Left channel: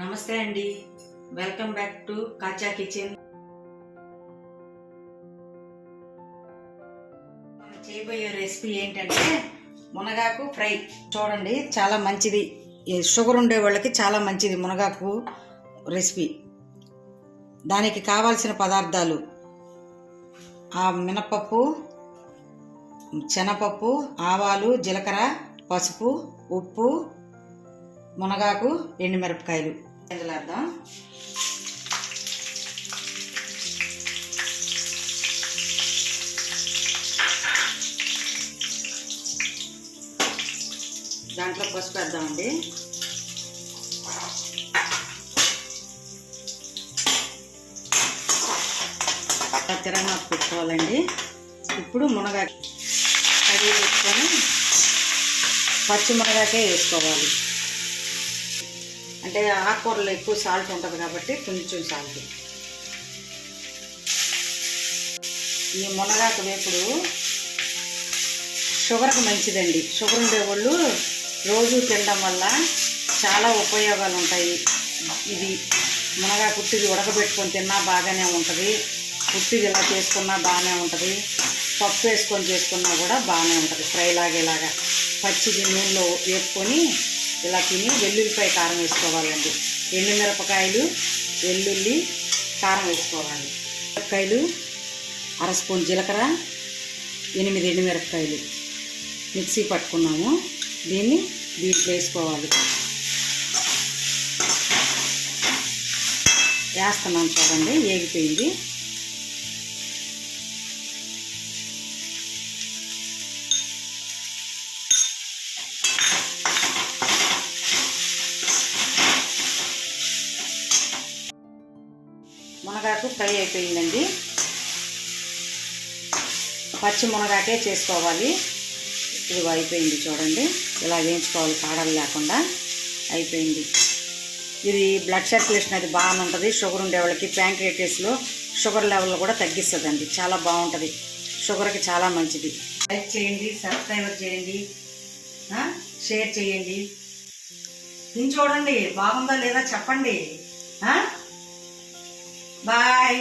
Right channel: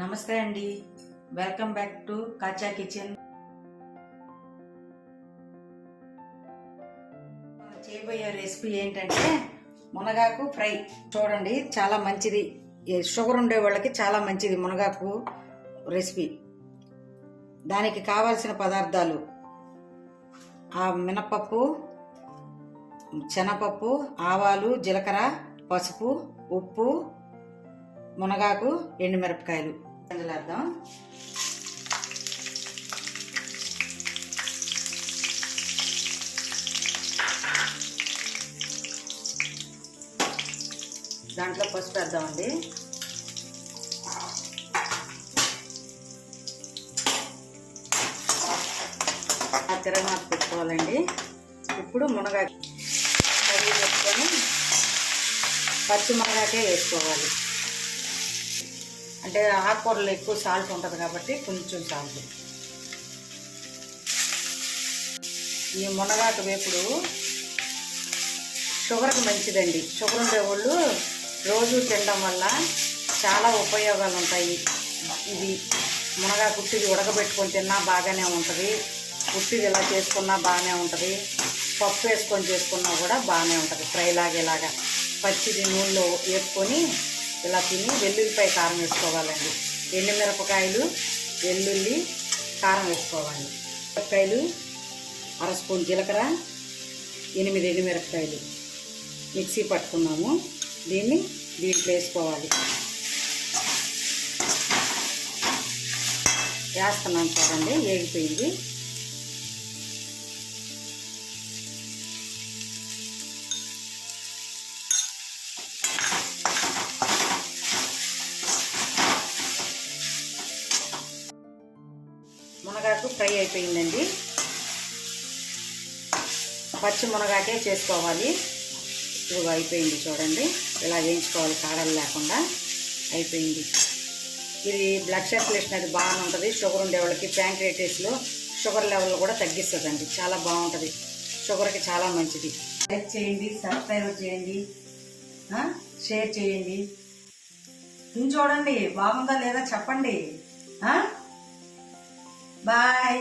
నమస్తే అండి. Welcome back to Kacha kitchen చేయబోయే రెసిపీ ఏంటంటే మునగాకు ఫ్రై. చూడండి చాలా మంచిది. షుగర్ ఉండే వాళ్ళకి చాలా మంచిది మునగాకు రెసిపీ దానికి కావాల్సిన పదార్థాలు ఆ మినపప్పు శనగపప్పు ఆవాలు జీలకర్ర పసుపు ఉప్పు మునగాకు ఎండుమిరపకాయలు వేద్దాం దాంట్లో పసుపు వేద్దామండి. తిరగమాకు పెట్టుకోవాలండి. ఇప్పుడు మునగాకు కడిగి పెట్టుకొని పచ్చి మునగాకే వేసుకోవాలి. అంటే ఆకుకూరలో ఎక్కువ సాల్ట్ ఉంటుంది కాబట్టి కొంచెం సాల్ట్. ఈ మునగాకు వేపుడు షుగర్కి మంచిదండి. షుగర్ ఉండేవాళ్ళు రోజు తినడం వల్ల చాలా ఉపయోగాలు ఉంటాయి. ఇది మునగాకు కుట్టిది ఉడకబెట్టుకొని తిన్నా బాగానే ఉంటుంది. కుట్టిది ఇలా చేసుకున్నా బాగానే ఉంటుంది. పప్పు వేసుకొని చేసుకున్నా కూడా బాగానే ఉంటుంది. ఫ్రై లాగేలాగా పచ్చిది నూనెలో వేసుకొని ఇలా తిని వెల్లుల్లిపాయ కారం వేసుకోవాలండి. ఎండుమిరపకాయలు వెల్లుల్లి కారం వేసుకోవాలి. మిరపకాయలు అర స్పూన్ జీలకర్ర ఎనిమిది ఎండుమిరపకాయలు మిక్సీ పట్టుకున్నాము. దీన్ని దీంట్లో వేసుకోవాలి. వేస్తున్నాం చూడండి ఏగిపోయింది. మునగాకు ఫ్రై అయిపోయిందండి. పచ్చి మునగాకే చేసుకోవాలి. ఇప్పుడు అయిపోయింది చూడండి. ఇలా వేయించుకోవాలి కాడలు లేకుండా. అయిపోయింది. ఇది బ్లడ్ సర్క్యులేషన్ అది బాగుంటుంది షుగర్ ఉండే వాళ్ళకి ప్యాంక్రేటైస్లో షుగర్ లెవెల్ కూడా తగ్గిస్తుందండి. చాలా బాగుంటుంది. షుగర్కి చాలా మంచిది. లైక్ చేయండి సబ్స్క్రైబ్ చేయండి. షేర్ చేయండి. చూడండి బాగుందా లేదా చెప్పండి. ఆ? బాయ్